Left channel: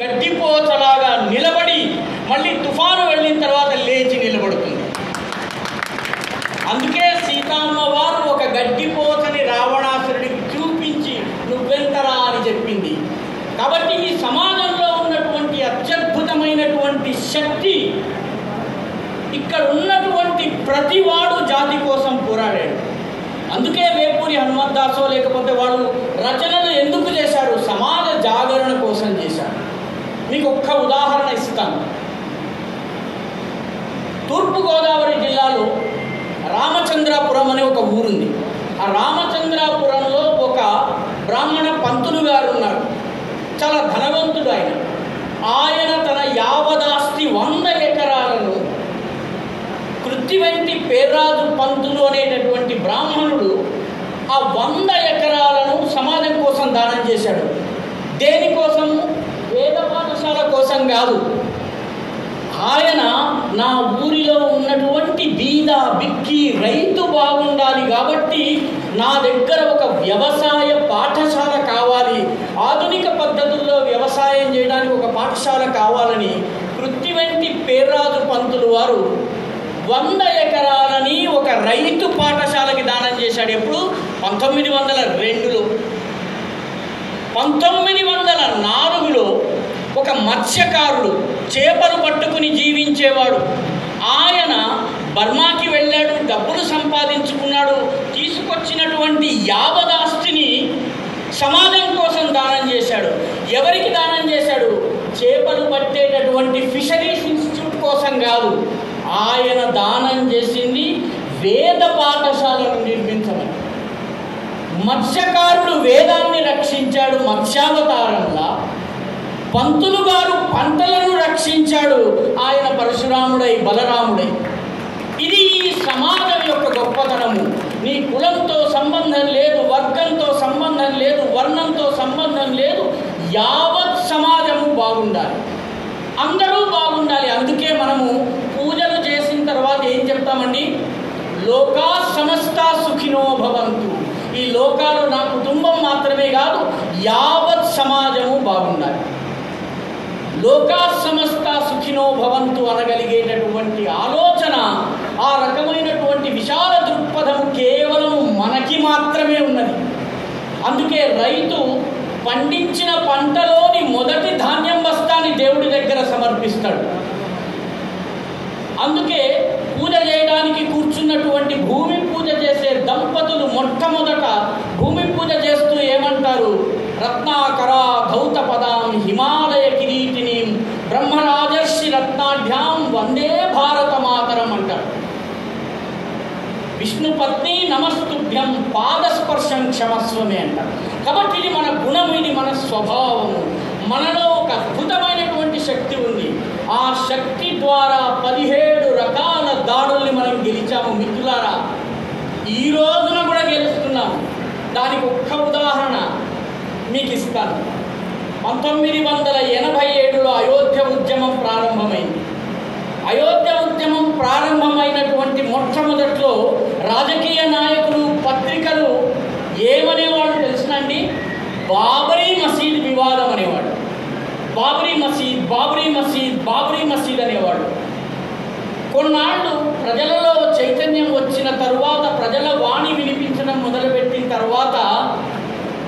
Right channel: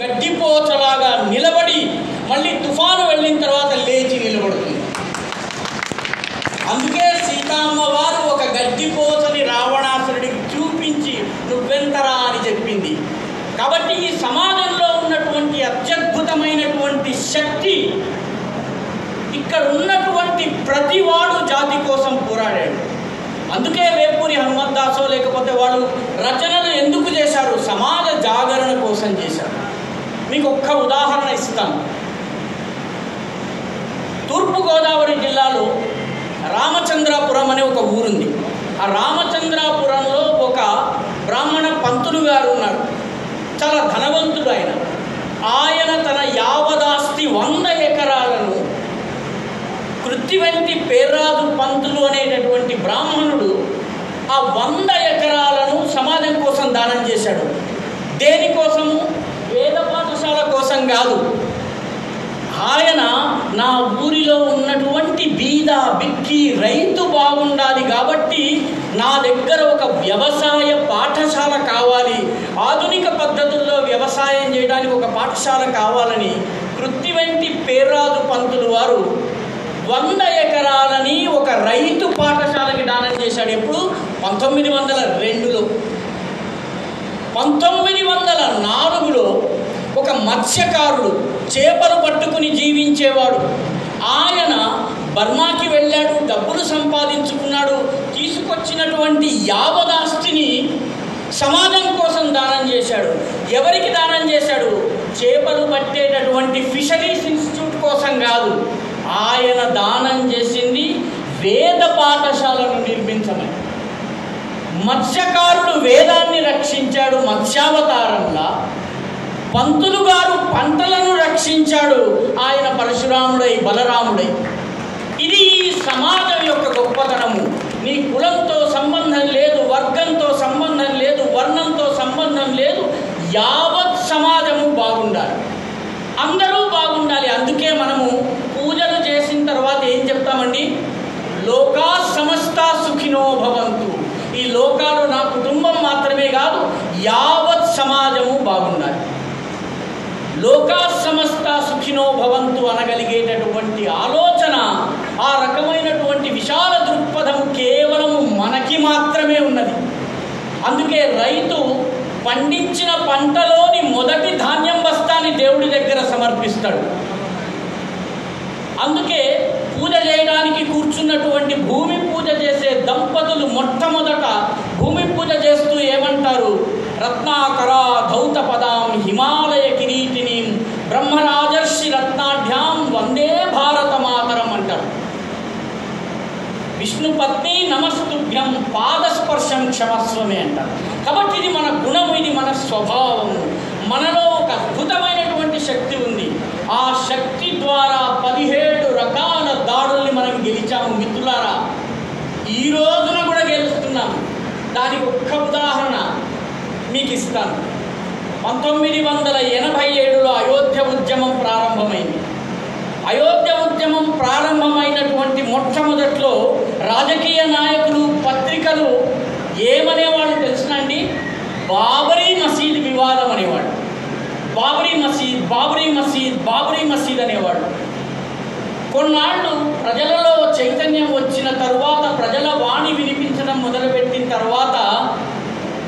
గడ్డిపోచలాగా నిలబడి మళ్ళీ తుఫాను వెళ్ళిన తర్వాత లేచి నిలబడుతుంది. అందుకే సీతమ్మ వారు ఒక గడ్డిపోచని రావణాసురుడికి చూపించి నువ్వెంతరా అని చెప్పింది. కాబట్టి ఈ సమాజంలో ఉన్నటువంటి అత్యద్భుతమైనటువంటి శక్తి, ఇక్కడ ఉన్నటువంటి ప్రతివాడు జాతి కోసం పోరాడాడు. అందుకే వేపూరి హనుమంతదాసో లేకపోతే వాళ్ళు రచనలు ఎందుకు చేశారు? సమాజ జాగరణ కోసం చేశారు. మీకు ఒక్క ఉదాహరణ ఇస్తాను. తూర్పుగోదావరి జిల్లాలో రామచంద్రాపురం అనే ఒక ఊరుంది. ఆ రామచంద్రాపురంలో ఒక బ్రాహ్మణ పంతులు గారు ఉన్నారు. చాలా ధనవంతుడు ఆయన. ఆయన తన యావదాస్తి 100 ఎకరాలను కృత్తివెంటి పేర్రాజు పంతులు అనేటటువంటి బ్రాహ్మణుడు ఆ 100 ఎకరాలను సమాజం కోసం దానం చేశాడు. దేనికోసము? వేద పాఠశాల కోసం కాదు. ఆయన నా ఊరిలో ఉన్నటువంటి బీద బిక్కి రైతు బాగుండాలి కాబట్టి నా దగ్గర ఒక వ్యవసాయ పాఠశాల కావాలి, ఆధునిక పద్ధతుల్లో వ్యవసాయం చేయడానికి ఒక పాఠశాల కావాలని కృత్తివెంటి పేర్రాజు పంతులు వారు 100 ఎకరాలని ఒక రైతు పాఠశాలకి దానం చేశాడు. ఎప్పుడు? 1902లో. 1904లో ఒక మత్స్యకారుడు చేపలు పట్టుకుని జీవించేవాడు. ఆయన బర్మాకి వెళ్ళాడు, డబ్బులు సంపాదించుకున్నాడు. తీసుకొచ్చినటువంటి యావదాస్తిని సమాజం కోసం దానం చేశాడు. ఎవరికి దానం చేశాడు? చేపలు పట్టేటటువంటి ఫిషరీస్ ఇన్స్టిట్యూట్ కోసం కాదు. ఆయన దానం చేసింది వేద పాఠశాలను నిర్మించమని. మత్స్యకారుడు వేదాన్ని రక్షించాడు మత్స్యావతారంలా, పంతులు గారు పంటలను రక్షించాడు ఆయన పరశురాముడై బలరాముడై. ఇది ఈ సమాజం యొక్క గొప్పతనము. నీ కులంతో సంబంధం లేదు, వర్గంతో సంబంధం లేదు, వర్ణంతో సంబంధం లేదు. యావత్ సమాజము బాగుండాలి, అందరూ బాగుండాలి. అందుకే మనము పూజలు చేసిన తర్వాత ఏం చెప్తామండి? లోకా సమస్త సుఖినో భవంతు. ఈ లోకాలు నా కుటుంబం మాత్రమే కాదు, యావత్ సమాజము బాగుండాలి. లోకా సమస్త సుఖినో భవంతు అనగలిగేటటువంటి ఆలోచన, ఆ రకమైనటువంటి విశాల దృక్పథం కేవలం మనకి మాత్రమే ఉన్నది. అందుకే రైతు పండించిన పంటలోని మొదటి ధాన్యం బస్తాన్ని దేవుడి దగ్గర సమర్పిస్తాడు. అందుకే పూజ చేయడానికి కూర్చున్నటువంటి భూమి పూజ చేసే దంపతులు మొట్టమొదట భూమి పూజ చేస్తూ ఏమంటారు? రత్నాకరా ధౌత పదాం హిమాలయ కిరీటిని బ్రహ్మరాజర్షి రత్నాఢ్యాం వందే భారత మాతరం అంటారు. విష్ణు పత్ని నమస్తుభ్యం పాదస్పర్శం క్షమస్వమే అంటారు. కాబట్టి ఇది మన గుణం, ఇది మన స్వభావము. మనలో ఒక అద్భుతమైనటువంటి శక్తి ఉంది. ఆ శక్తి ద్వారా 17 రకాల దాడుల్ని మనం గెలిచాము మిత్రులారా. ఈ రోజున కూడా గెలుస్తున్నాము. దానికి ఒక్క ఉదాహరణ మీకు ఇస్తాను. 1987లో అయోధ్య ఉద్యమం ప్రారంభమైంది. అయోధ్య ఉద్యమం ప్రారంభమైనటువంటి మొట్టమొదట్లో రాజకీయ నాయకులు, పత్రికలు ఏమనేవాళ్ళు తెలుసునండి? బాబరీ మసీద్ వివాదం అనేవాడు. బాబరీ మసీద్, బాబరీ మసీద్, బాబరీ మసీద్ అనేవాడు. కొన్నాళ్ళు ప్రజలలో చైతన్యం వచ్చిన తరువాత, ప్రజల వాణి వినిపించడం మొదలుపెట్టిన తర్వాత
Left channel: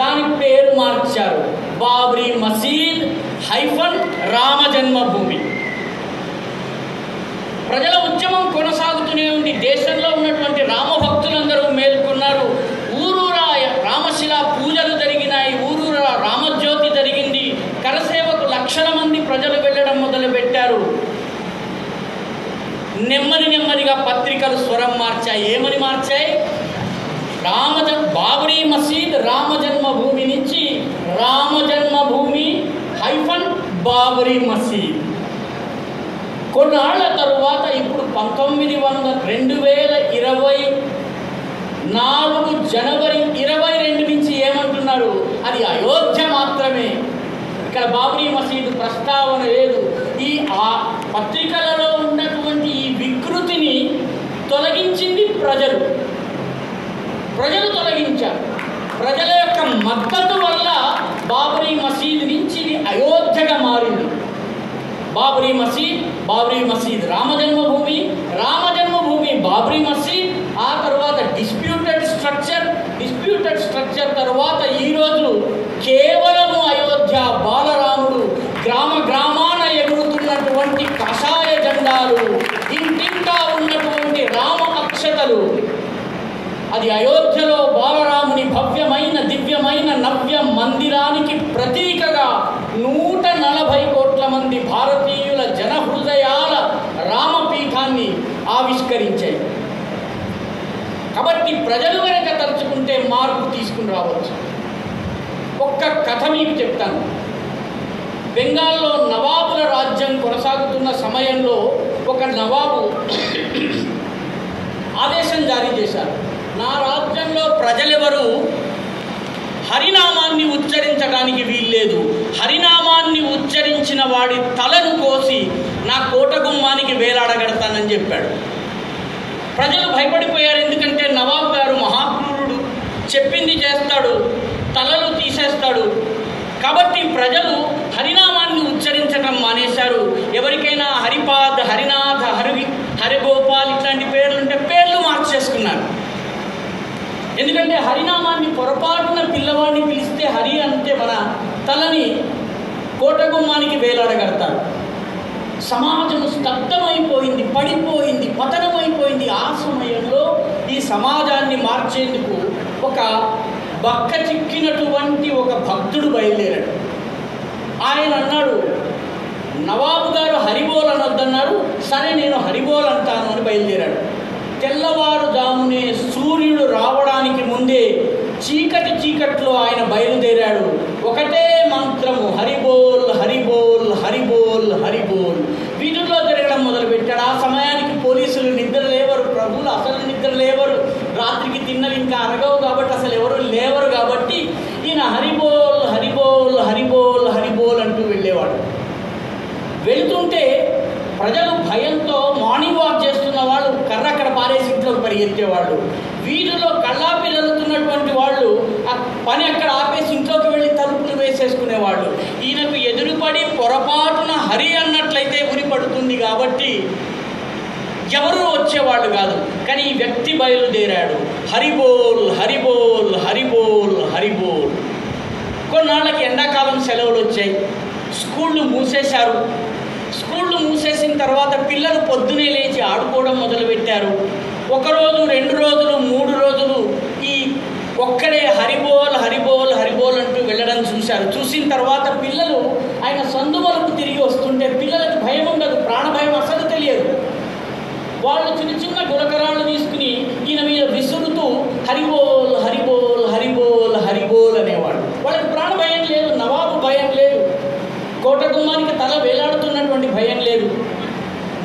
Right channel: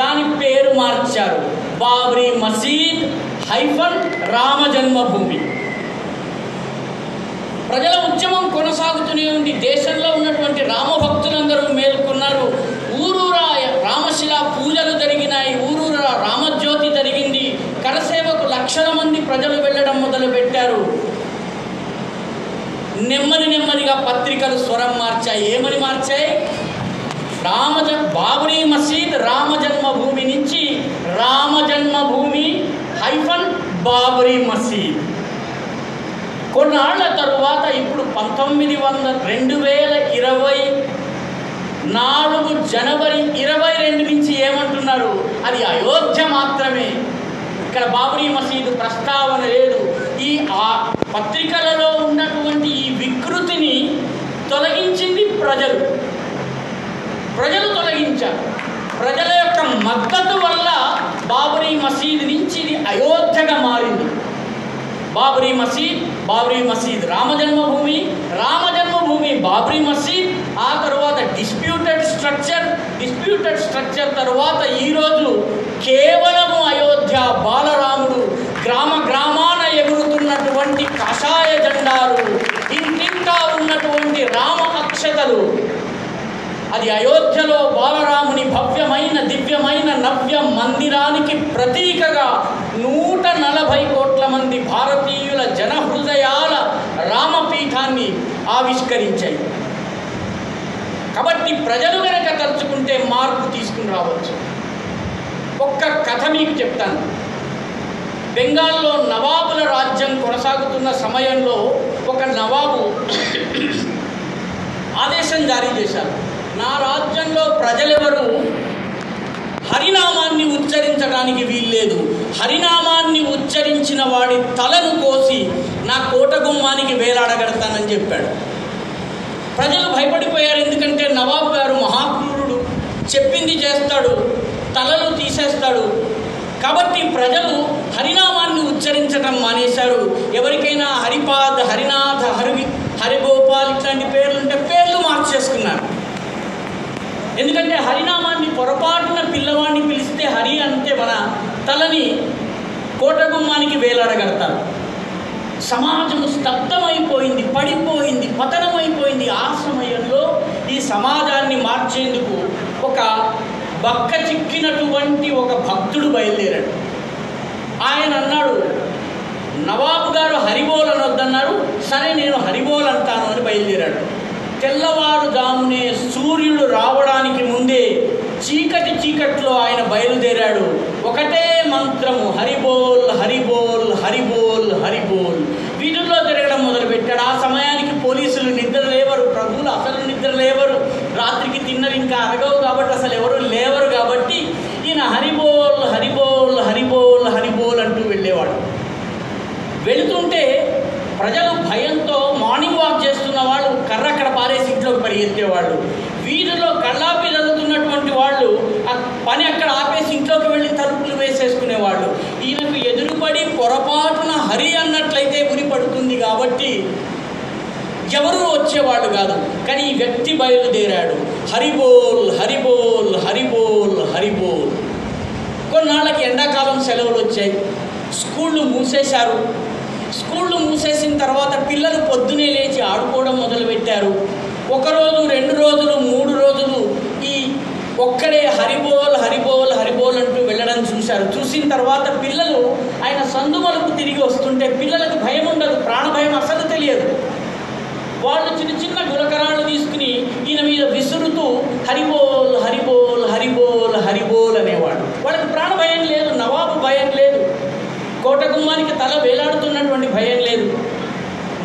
దాని పేరు మార్చారు. బాబరీ మసీద్ - రామ జన్మభూమి. ప్రజల ఉద్యమం కొనసాగుతూనే ఉంది. దేశంలో ఉన్నటువంటి రామభక్తులందరూ మేల్కొన్నారు. ఊరూరా రామశిలా పూజలు జరిగినాయి, ఊరూరా రామజ్యోతి జరిగింది. కరసేవకు లక్షల మంది ప్రజలు వెళ్ళడం మొదలుపెట్టారు. నెమ్మదిగా పత్రికలు స్వరం మార్చాయి. ఏమని మార్చాయి? బాబరీ మసీద్ రామ జన్మభూమి నుంచి రామ జన్మభూమి - బాబరీ మసీద్. కొన్నాళ్ల తరువాత ఇప్పుడు 2024 జనవరి 22 నుంచి ఏమంటున్నారు? అది అయోధ్య మాత్రమే, ఇక్కడ బాబరీ మసీదు ప్రస్తావన లేదు. ఆ పత్రికలలో ఉన్నటువంటి ఈ వికృతిని తొలగించింది ప్రజలు తొలగించారు. ప్రజల యొక్క మద్దతు వల్ల బాబరీ మసీదు నుంచి ఇది అయోధ్యగా మారింది. బాబ్రీ మసీద్, రామజన్మభూమి, బాబ్రీ మసీద్, ఆ తర్వాత డిస్ప్యూటెడ్ స్ట్రక్చర్ తర్వాత ఈరోజు కేవలము అయోధ్య బాలరాముడు, గ్రామాన ఎగురుతున్నటువంటి కషాయ జెండాలు, ఇంటింటా ఉన్నటువంటి రామ అక్షతలు, అది అయోధ్యలో బాలరాముని భవ్యమైన దివ్యమైన నవ్య మందిరానికి ప్రతీకగా 140 కోట్ల మంది భారతీయుల జనహృదయాల రామపీఠాన్ని ఆవిష్కరించాయి. కాబట్టి ప్రజలు కనుక తలుచుకుంటే మార్పు తీసుకుని రావచ్చు. ఒక్క కథ మీకు చెప్తాను. బెంగాల్లో నవాబుల రాజ్యం కొనసాగుతున్న సమయంలో ఒక నవాబు ఆదేశం జారీ చేశారు, నా రాజ్యంలో ప్రజలెవరూ హరినామాన్ని ఉచ్చరించడానికి వీల్లేదు, హరినామాన్ని ఉచ్చరించిన వాడి తలను కోసి నా కోట గుమ్మానికి వేలాడగడతానని చెప్పాడు. ప్రజలు భయపడిపోయారు. ఎందుకంటే నవాబు గారు మహాక్రూరుడు, చెప్పింది చేస్తాడు, తలలు తీసేస్తాడు. కాబట్టి ప్రజలు హరినామాన్ని ఉచ్చరించడం మానేశారు. ఎవరికైనా హరిపాద్, హరినాథ్, హరిగోపాల్ ఇట్లాంటి పేర్లుంటే పేర్లు మార్చేసుకున్నారు. ఎందుకంటే హరినామాన్ని పొరపాటున పిల్లవాడిని పిలిస్తే హరి అంటే మన తలని కోటగుమ్మానికి వేలాడగడతారు. సమాజము స్తబ్దమైపోయింది, పడిపోయింది, పతనమైపోయింది. ఆ సమయంలో ఈ సమాజాన్ని మార్చేందుకు ఒక బక్క చిక్కినటువంటి ఒక భక్తుడు బయలుదేరాడు. ఆయన అన్నాడు, నవాబు గారు హరిబోల్ అనొద్దన్నారు, సరే నేను హరిబోల్ అంటాను అని బయలుదేరాడు. తెల్లవారుజామునే సూర్యుడు రావడానికి ముందే చీకట్లో ఆయన బయలుదేరాడు. ఒకటే మంత్రము, హరిబోల్ హరిబోల్ హరిబోల్ హరిబోల్. వీధుల్లో తిరగడం మొదలుపెట్టాడు. ఆ సమయానికి పోలీసులు నిద్ర లేవరు, ప్రభువులు అసలు నిద్ర లేవరు, రాత్రికి తిన్నవి ఇంకా అరగవు కాబట్టి అసలు ఎవరు లేవరు. కాబట్టి ఈయన హరిబోల్ హరిబోల్ హరిబోల్ హరిబోల్ అంటూ వెళ్ళేవాడు. వెళుతుంటే ప్రజలు భయంతో మార్నింగ్ వాక్ చేస్తున్న వాళ్ళు కర్ర అక్కడ పారేసి ఇంట్లోకి పరిగెత్తేవాళ్ళు. వీధిలో కళ్ళాపి చదువుతున్నటువంటి వాళ్ళు ఆ పని అక్కడ ఆపేసి ఇంట్లోకి వెళ్ళి తలుపులు వేసేసుకునేవాళ్ళు. ఈయనకు ఎదురుపడి పొరపాటున హరి అన్నట్లయితే ఉరి పడుతుంది కాబట్టి ఎవరు వచ్చేవాడు కాదు. కానీ ఈ వ్యక్తి బయలుదేరాడు, హరిబోల్ హరిబోల్ హరిబోల్ హరిబోల్. కొన్నాళ్ళకి ఎండాకాలం సెలవులు వచ్చాయి, స్కూళ్ళు మూసేశారు. స్కూళ్ళు మూసేసిన తర్వాత పిల్లలు పొద్దునే లేచి ఆడుకోవడం మొదలుపెట్టారు. 1 రోజు 2 రోజులు 3 రోజులు ఈ ఒక్కడే హరిబోల్ హరిబోల్ హరిబోల్ అంటూ వెళ్ళడం చూశారు. చూసిన తర్వాత పిల్లలు ఆయన సందుమలకు తిరిగి వస్తుంటే పిల్లలకు భయం ఉండదు, ప్రాణభయం అసలు తెలియదు. వాళ్ళు చిన్న గులకరాళ్ళు తీసుకుని ఈయన మీద విసురుతూ హరిబోల్ హరిబోల్ హరిబోల్ హరిబోల్ అనేవాడు. వాళ్ళకి ప్రాణభయం లేదు, నవాబు భయం లేదు, కోట గుమ్మానికి తల వేలాడుతున్నటువంటి భయం లేదు.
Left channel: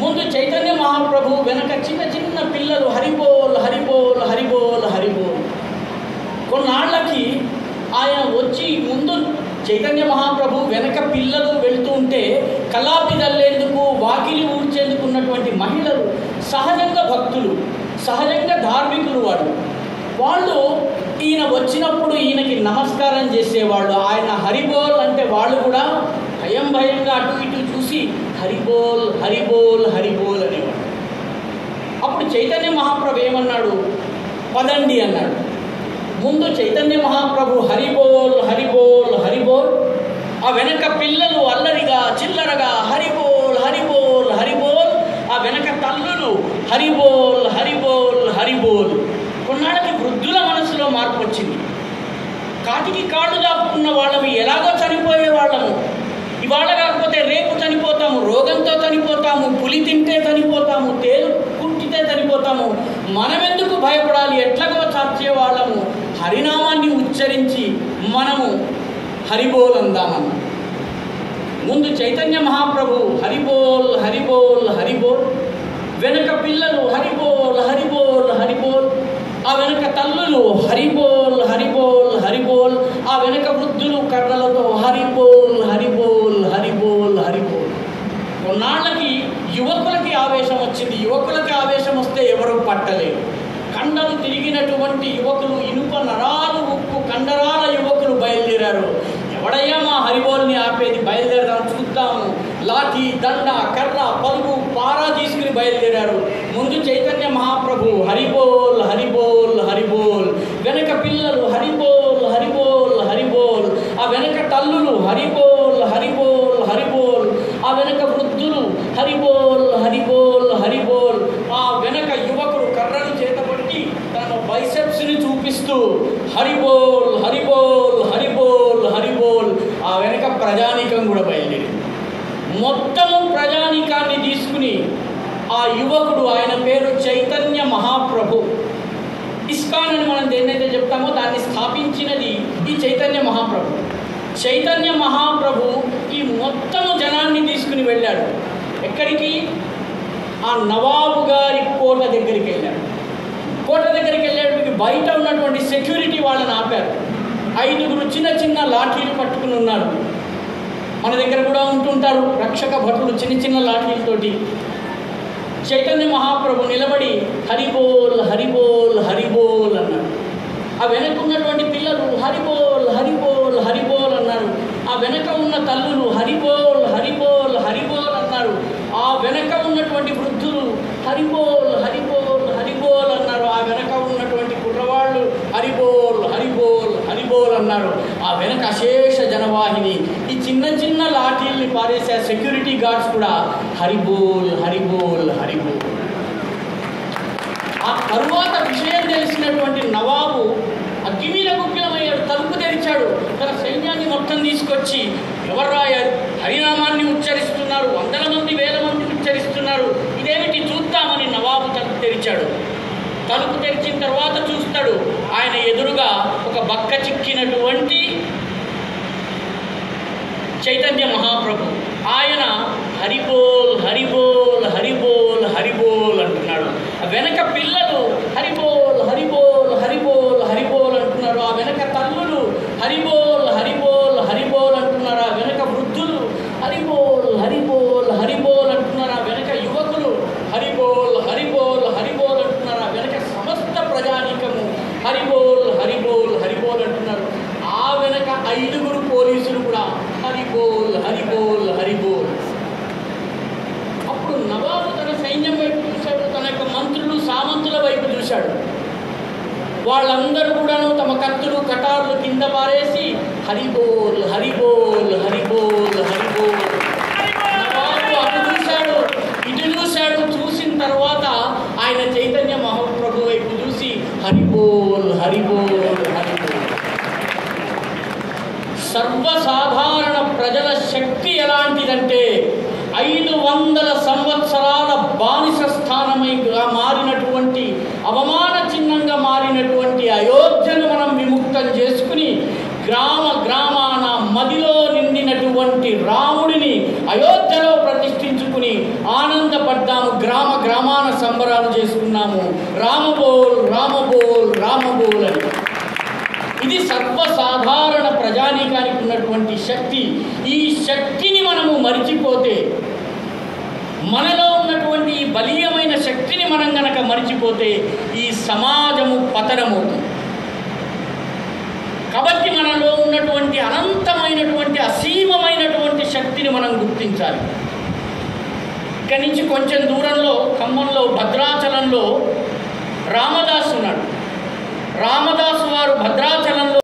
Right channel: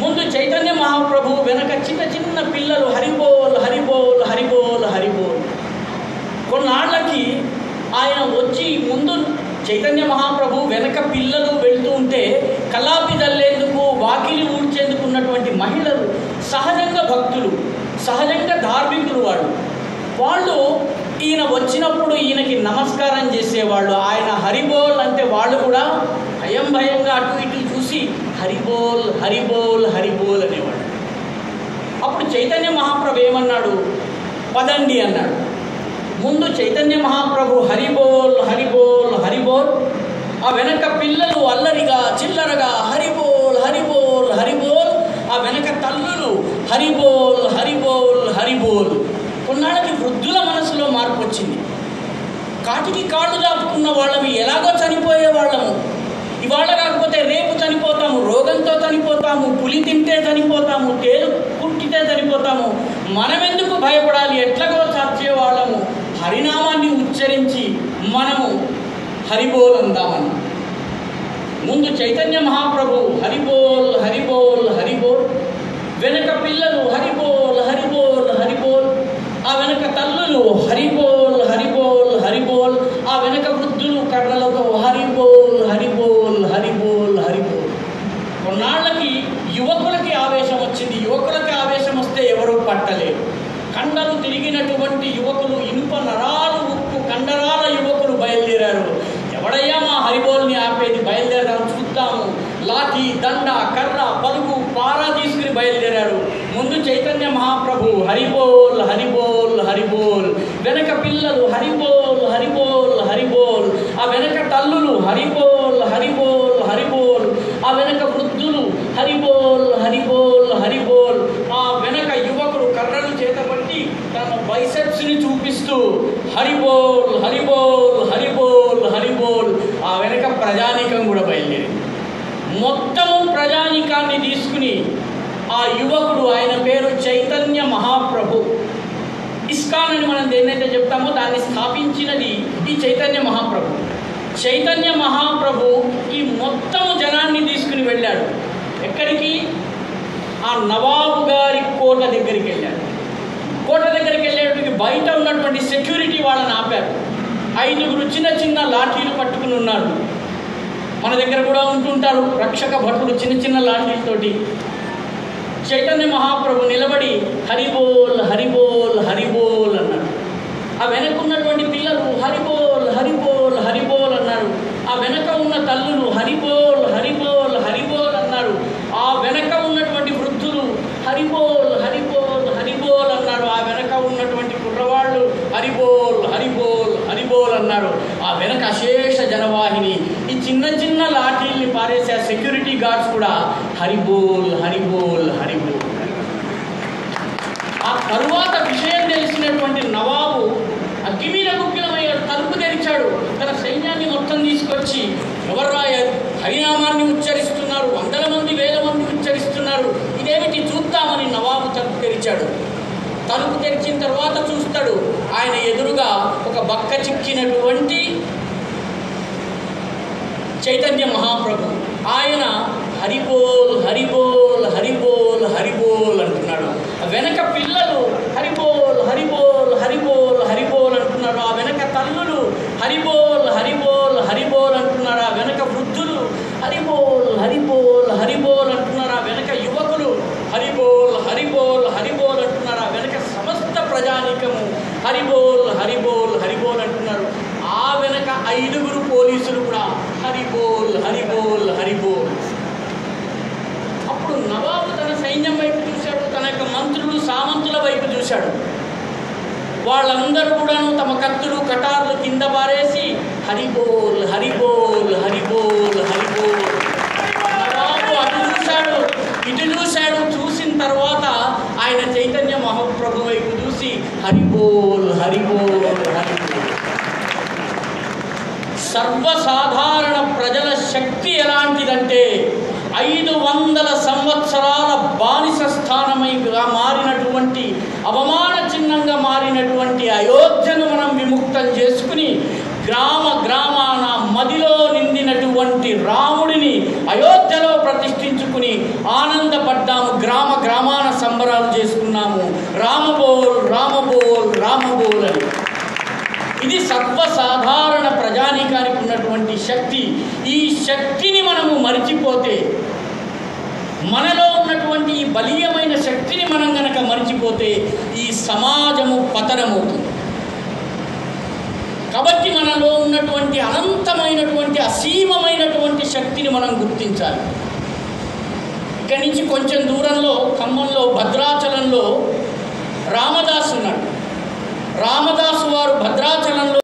ముందు చైతన్య మహాప్రభు, వెనక చిన్న పిల్లలు హరిబోల్ హరిబోల్ హరిబోల్ హరిబోల్. కొన్నాళ్ళకి ఆయన వచ్చి ముందు చైతన్య మహాప్రభు వెనక పిల్లలు వెళ్తూ ఉంటే కలాపి తల్లేందుకు, వాకిలి ఊడ్చేందుకు ఉన్నటువంటి మహిళలు సహజంగా భక్తులు, సహజంగా ధార్మికులు వాళ్ళు ఈయన వచ్చినప్పుడు ఈయనకి నమస్కారం చేసేవాళ్ళు. ఆయన హరిబోల్ అంటే వాళ్ళు కూడా భయంగా అటు ఇటు చూసి హరిబోల్ హరిబోల్ హరిబోల్ అనేవాడు. అప్పుడు చైతన్య మహాప్రభు ఏమన్నాడు, పదండి అన్నాడు. ముందు చైతన్య మహాప్రభు హరిబోల్ హరిబోల్ హరిబోల్, ఆ వెనక పిల్లలు అల్లరిగా చిల్లరగా హరిబోల్ హరిబోల్ హరిబోల్, ఆ వెనక తల్లులు హరిబోల్ హరిబోల్ హరిబోల్. కొన్నాళ్ళకి వృద్ధుల మనసులో మార్పు వచ్చింది. కాటికి కాళ్ళు దాపుకున్న వాళ్ళము ఎలాగో చనిపోయే వాళ్ళము, ఇవాళ కాకపోతే రేపు చనిపోతాము, రోగంతో చనిపోతాము, పులి తింటే చనిపోతాము, తేలు కుట్టితే చనిపోతాము, మనమెందుకు భయపడాలి, ఎట్లాగో చచ్చే వాళ్ళము. హరినామాన్ని ఉచ్చరించి మనము హరిబోల్ అందామని ముందు చైతన్య మహాప్రభు హరిబోల్ హరిబోల్ హరిబోల్, వెనక పిల్లలు హరిబోల్ హరిబోల్ హరిబోల్, ఆ వెనక తల్లులు హరిబోల్ హరిబోల్ హరిబోల్, ఆ వెనక వృద్ధులు కర్రలతో హరిబోల్ హరిబోల్ హరిబోల్ హరిబోల్. కొన్నాళ్ళకి యువకులకి ఆవేశం వచ్చింది. యువకులకి ఆవేశం వస్తే ఎవరు పట్టలేరు. కండలు తిరిగినటువంటి యువకులు, ఇనుప నరాలు ఉక్కు కండరాల యువకులు బయలుదేరారు. ఎవడయ్యా మా హరిబోల్ని ఆపేది, బయలుదేరాం చూద్దాము లాఠీ, దండ, కర్ర, పలుగు, పారా తీసుకుని బయలుదేరారు. ముందు చైతన్య మహాప్రభు హరిబోల్ హరిబోల్ హరిబోల్, వెనక పిల్లలు హరిబోల్ హరిబోల్ హరిబోల్, ఆ వెనక తల్లులు హరిబోల్ హరిబోల్ హరిబోల్, ఆ వెనక వృద్ధులు హరిబోల్ హరిబోల్ హరిబోల్, ఆ వెనక యువకుడు కర్రను చేతపట్టి తన బైసెప్స్ని చూపిస్తూ హరిబోల్ హరిబోల్ హరిబోల్ హరిబోల్. ఆ వెనక ప్రజానీకం కూడా బయలుదేరింది. మొత్తము ప్రజానీకాన్ని తీసుకుని ఆ యువకుడు, ఆయన పేరు చైతన్య మహాప్రభు. ఇస్కాన్ అని మనం దేన్నైతే చెప్తామో దాన్ని స్థాపించినది ఈ చైతన్య మహాప్రభు. చైతన్య మహాప్రభు ఈ మొత్తము జనాన్ని తీసుకుని వెళ్ళాడు. ఎక్కడికి? ఆ నవాబు గారి కోట దగ్గరికి వెళ్ళాడు. కోట దగ్గరికి వెళ్ళేటికి బయట ఉన్నటువంటి సెక్యూరిటీ వాళ్ళని ఆపారు. 5 చిన్న చిన్న లాఠీలు పట్టుకుని ఉన్నారు. మన దగ్గర కూడా ఉంటుంటారు రక్షక భటులు చిన్న చిన్న లాఠీలతోటి. చైతన్య మహాప్రభు నిలబడి హరిబోల్ హరిబోల్ హరిబోల్ అన్నాడు. ఆ వెనక ఉన్నటువంటి పిల్లలు హరిబోల్ హరిబోల్ హరిబోల్ అన్నారు. ఆ వెనక ఉన్న తల్లులు హరిబోల్ హరిబోల్ హరిబోల్ అన్నారు. ఆ వెనక ఉన్నటువంటి వృద్ధులు హరిబోల్ హరిబోల్ హరిబోల్ అన్నారు. ఆ వెనక ఉన్నటువంటి కుర్రవాళ్ళు హరిబోల్ హరిబోల్ హరిబోల్ అన్నారు. ఆ వెనక అశేష జనవాహిని, ఈ చిన్న చిన్న లాఠీల్ని పారేసే సెక్యూరిటీ గార్డ్స్ కూడా హరిబోల్ హరిబోల్ హరిబోల్. ఆ తరువాత విషయం తెలిసినటువంటి నవాబు అగ్గిమీద గుగ్గిలమయ్యాడు. తలుపు తెరిచాడు. తన సైన్యాన్ని మొత్తం తీసుకొచ్చి, ఎవర్రా హరినామాన్ని ఉచ్చరిస్తున్నారు, 100 మంది 1000 మంది ఉచ్చరిస్తున్నారు, ఇదేమిటి చూద్దామని నవాబు తలుపు తెరిచాడు. తలుపు తెరిచిన తర్వాత చూస్తాడు, ఆయన ఎదురుగా ఒక బక్క చిక్కినటువంటి చైతన్య మహాప్రభు. ఆయన హరిబోల్ హరిబోల్ హరిబోల్ హరిబోల్ అంటున్నాడు. వెనక పిల్లలు హరిబోల్ హరిబోల్ హరిబోల్ హరిబోల్ అంటున్నారు. ఆ వెనక తల్లులు హరిబోల్ హరిబోల్ హరిబోల్ అంటున్నారు. ఆ వెనక వృద్ధులు హరిబోల్ హరిబోల్ హరిబోల్ అంటున్నారు. ఆ వెనక యువకులు హరిబోల్ హరిబోల్ హరిబోల్ అంటున్నారు. ఆ వెనక సమస్త ప్రజానీకము హరిబోల్ హరిబోల్ హరిబోల్ అంటున్నారు. ఆ వెనక 5 పోలీసులు కూడా హరిబోల్ హరిబోల్ హరిబోల్. అప్పుడు నవాబు తన సైన్యం వైపు చూశాడు, తన యొక్క మంత్రులు సామంతుల వైపు చూశాడు. వాళ్ళందరూ కూడాను తమ కత్తులు కటార్లు కింద పారేసి హరిబోల్ హరిబోల్ హరిబోల్ హరిబోల్. నవాబు అటు చూశాడు, ఇటు చూశాడు. చూసిన తర్వాత ఆయన చైతన్య మహాప్రభు వైపు చూసి హరిబోల్ హరిబోల్ హరిబోల్. సర్వసాధారణ ప్రజల శక్తి ఎలాంటిదంటే 500 సంవత్సరాల బానిస స్థానమైగా మారినటువంటి, అవమాన చిహ్నంగా మారినటువంటి అయోధ్యను మనం విముక్తం చేసుకుని గ్రామ గ్రామాన మదిలో నిండినటువంటి రాముడిని అయోధ్యలో ప్రతిష్ఠించుకుని ఆనందపడ్డాము. గ్రామ గ్రామాన సంబరాలు చేసుకున్నాము. రామబోల్ రామబోల్ రామబోల్ అని. ఇది సర్వసాధారణ ప్రజానీకానికి ఉన్నటువంటి శక్తి. ఈ శక్తిని మనము మరిచిపోతే, మనలో ఉన్నటువంటి ఈ బలీయమైన శక్తిని మనం గనక మరిచిపోతే ఈ సమాజము పతనమవుతుంది. కాబట్టి మనలో ఉన్నటువంటి అనంతమైనటువంటి అసీమమైనటువంటి శక్తిని మనం గుర్తించాలి. ఇక్కడి నుంచి కొంచెం దూరంలో ఖమ్మంలో భద్రాచలంలో రామదాసు ఉన్నాడు. రామదాసు వారు భద్రాచలంలో